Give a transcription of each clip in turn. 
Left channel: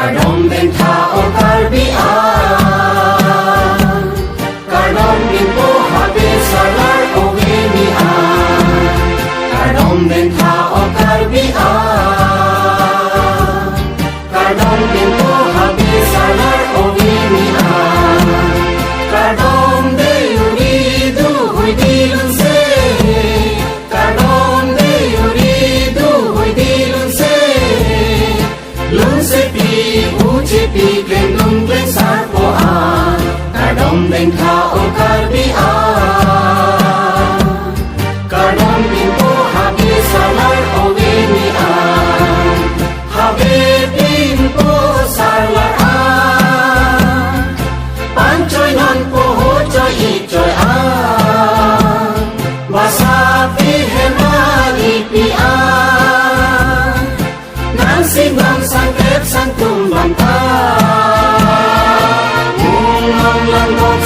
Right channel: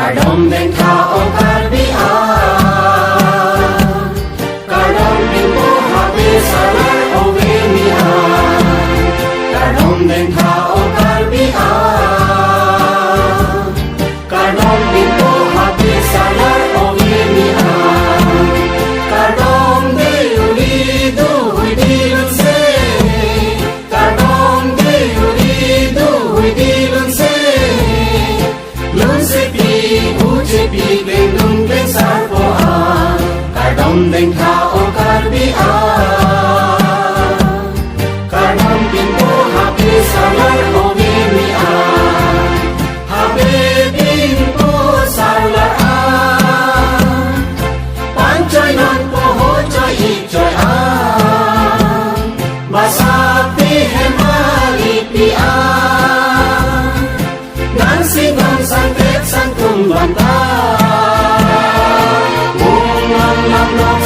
Kadom ben tao karbia Kadom bin po habis salar ovenia Kadom ben tao karbia Kadom bin po habis salar ovenia Kadom de uridu huidilun se Kadom de uridu huidilun se Lun se pi kendung besar poa Kadom ben tao karbia Kadom bin po habis salar ovenia Habis bin po salar Panchoy non po hochoy ichoy Masapi hemali pia Nansing ang sangkep sang tumbang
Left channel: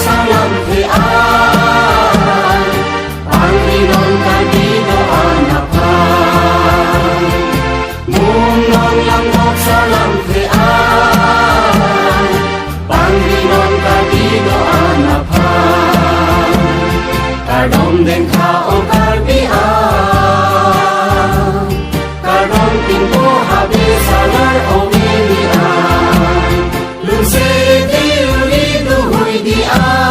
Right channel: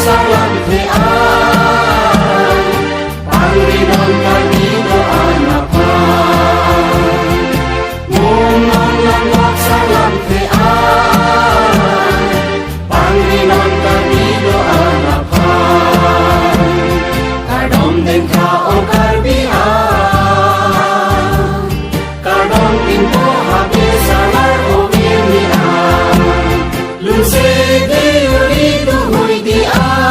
salam tian Panginoon kanino anapan Mungong lamot salam tian Panginoon kanino anapan Kadom ng tao karbia Kadom pinto habis salar ovenia Lunsay di uridu huidia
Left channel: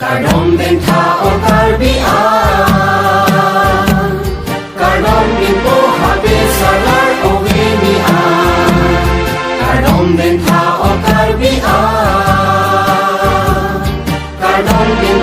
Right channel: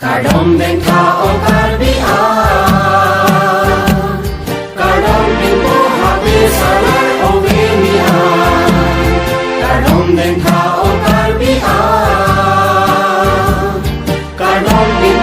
Kadom ben tao karbia Kadom bin po habis salar ovenia Kadom ben tao karbia Kadom bin